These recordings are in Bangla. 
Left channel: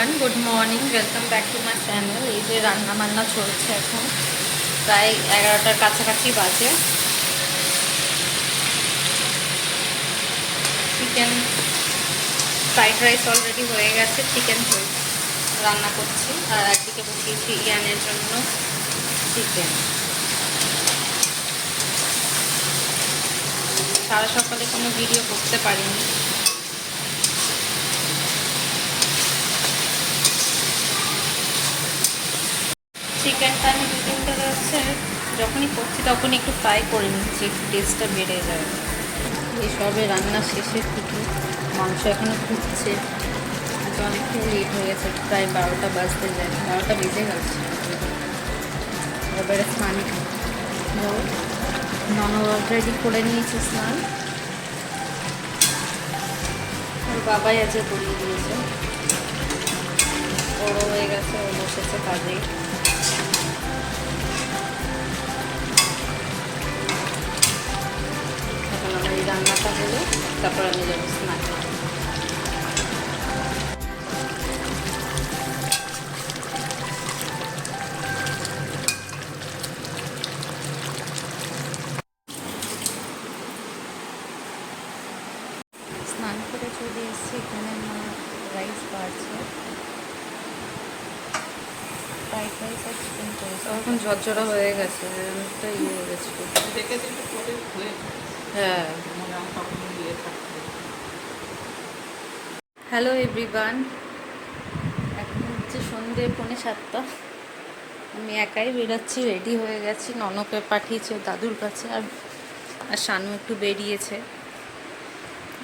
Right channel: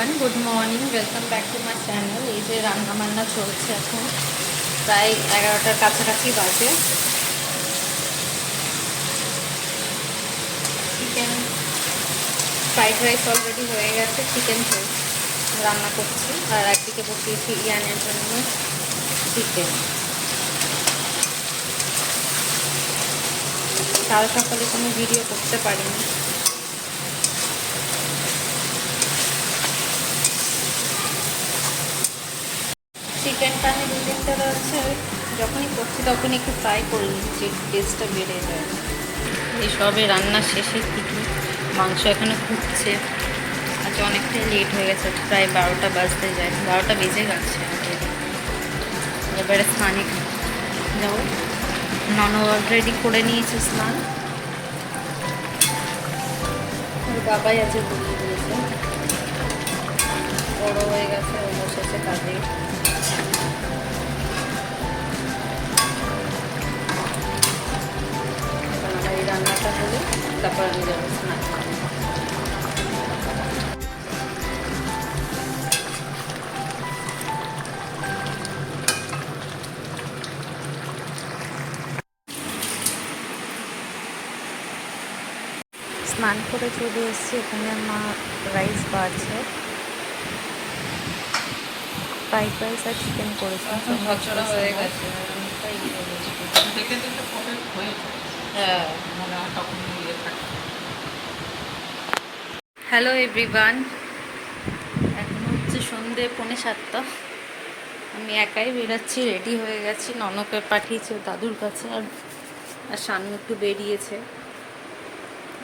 Everyone, good morning, welcome back to my channel. এই যে রান্না বান্না চলছে, এখন প্রায় 11টার কাছাকাছি বাজে। চিকেন ফ্রাইড রাইস অলরেডি হয়ে গেছে, চিকেন রান্না করছি আর একদিকে বসিয়েছি ইয়ানের জন্য চিকেন। কাল সকালে কোনো ভিডিও করতে পারিনি। চিকেনটা আমি 2-3 ধরে হচ্ছে যখনই করছি তখনই একটু ফ্রাই করে নিচ্ছি, একটু টেস্টটা বেড়ে যায়। এই সবে রান্নার শেষের দিকে মাংস এখানে ফুটছে। আজ অনেকটাই লেট হয়ে গেছে, প্রায় 12টা বাজতে যায়, 12টা বেজে গেছে। এবারে স্নানে যাবো। নন অলরেডি করে নিয়েছে স্নান, ওর বাবাই আজকে বলিয়ে দিয়েছে। বড়ো হয়ে গেছে, ও বসেছে কাজেই। এখন আমার এই রান্নাটা হলে তারপর আমি যাবো স্নান। স্নান করে চলে এসেছি, এখানে মা রাইস বাড়ছে, ফ্রাইড রাইস আর চিকেন করেছে। এখন ঝরঝরা হয়ে গেছে, হ্যাঁ। হ্যালো এভরিওয়ান, এখন হচ্ছে সন্ধ্যে 6:45। আমি একাই বেরোচ্ছি, রেডি হয়ে গেছি। ননকে পাঠিয়েছে দাদুর কাছে, আর শানু একটু বেরিয়েছে।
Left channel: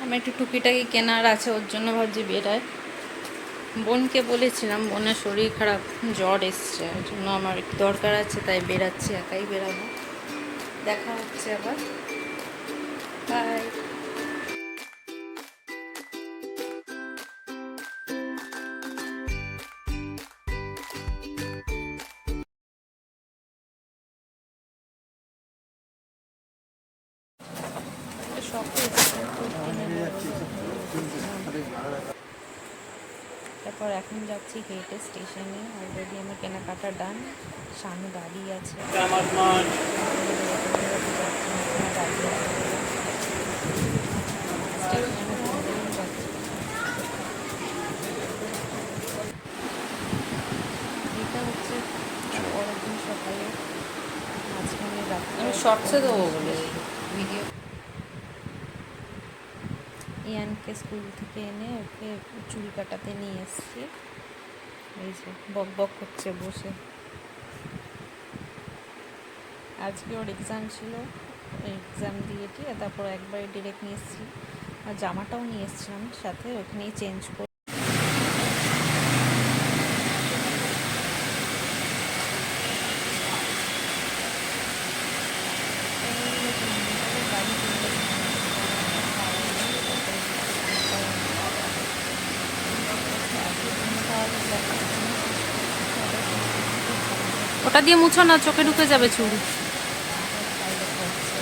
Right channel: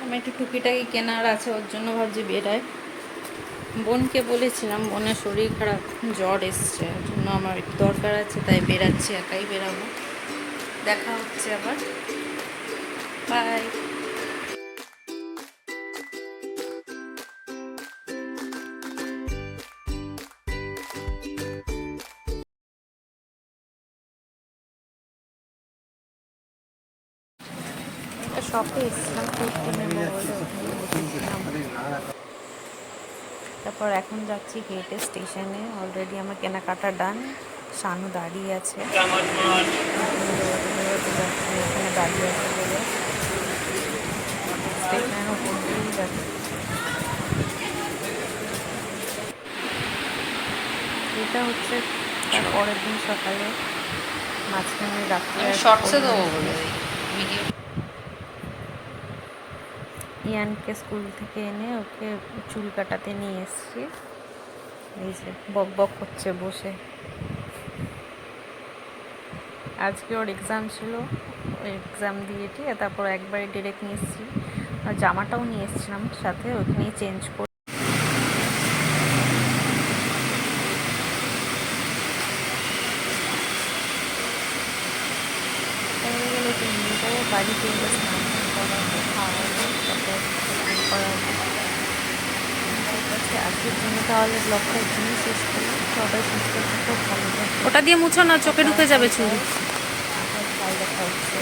আমি একটু টুকিটাকি কেনার আছে, ওর জন্য ভাবছি বেরায়। বোনকে বলেছিলাম, বোনের শরীর খারাপ, জ্বর এসছে, ওর জন্য আমার একটু দরকার আছে, তাই বেরাচ্ছি, একাই বেরাবো। দেখা হচ্ছে আবার, বাই। শপে এসেছিলাম, তারপর এখন যাচ্ছি হেঁটে স্টেশনে। অলরেডি আমার কেনাকাটা ডান, শানু দাঁড়িয়ে আছে, ওখানে দাঁড়িয়ে আছে বলে স্টেশনের উপর দিয়েই যাচ্ছি। এটা হচ্ছে পরের দিন সকালে, মাঝখানে রাত্রে শর্টসে দেবো বলে ভিডিও। ইয়ানকে স্কুল থেকে এনে ওকে চুল কাটাতে নিয়ে এসেছি। এই যে বক বক করছে বসে। আজকে ওর এক্সাম ছিল, এক্সাম দিয়েছি, তারপর একবারে ডিরেক্ট নিয়ে এসেছি। আর জামাটাও নিয়ে এসেছিলাম সাথে, ওখানেই চেঞ্জ করে বাড়িতে এলে স্নান করানো, খাওয়ানো, তারপর স্নান করানো। আজকের জন্য তাহলে ব্লগটা এখানেই শেষ করি। সবাই সুস্থ থাকো, ভালো থাকো। ওটা দিয়ে মুছো না, চোখে ঢুকে যাবে চুল।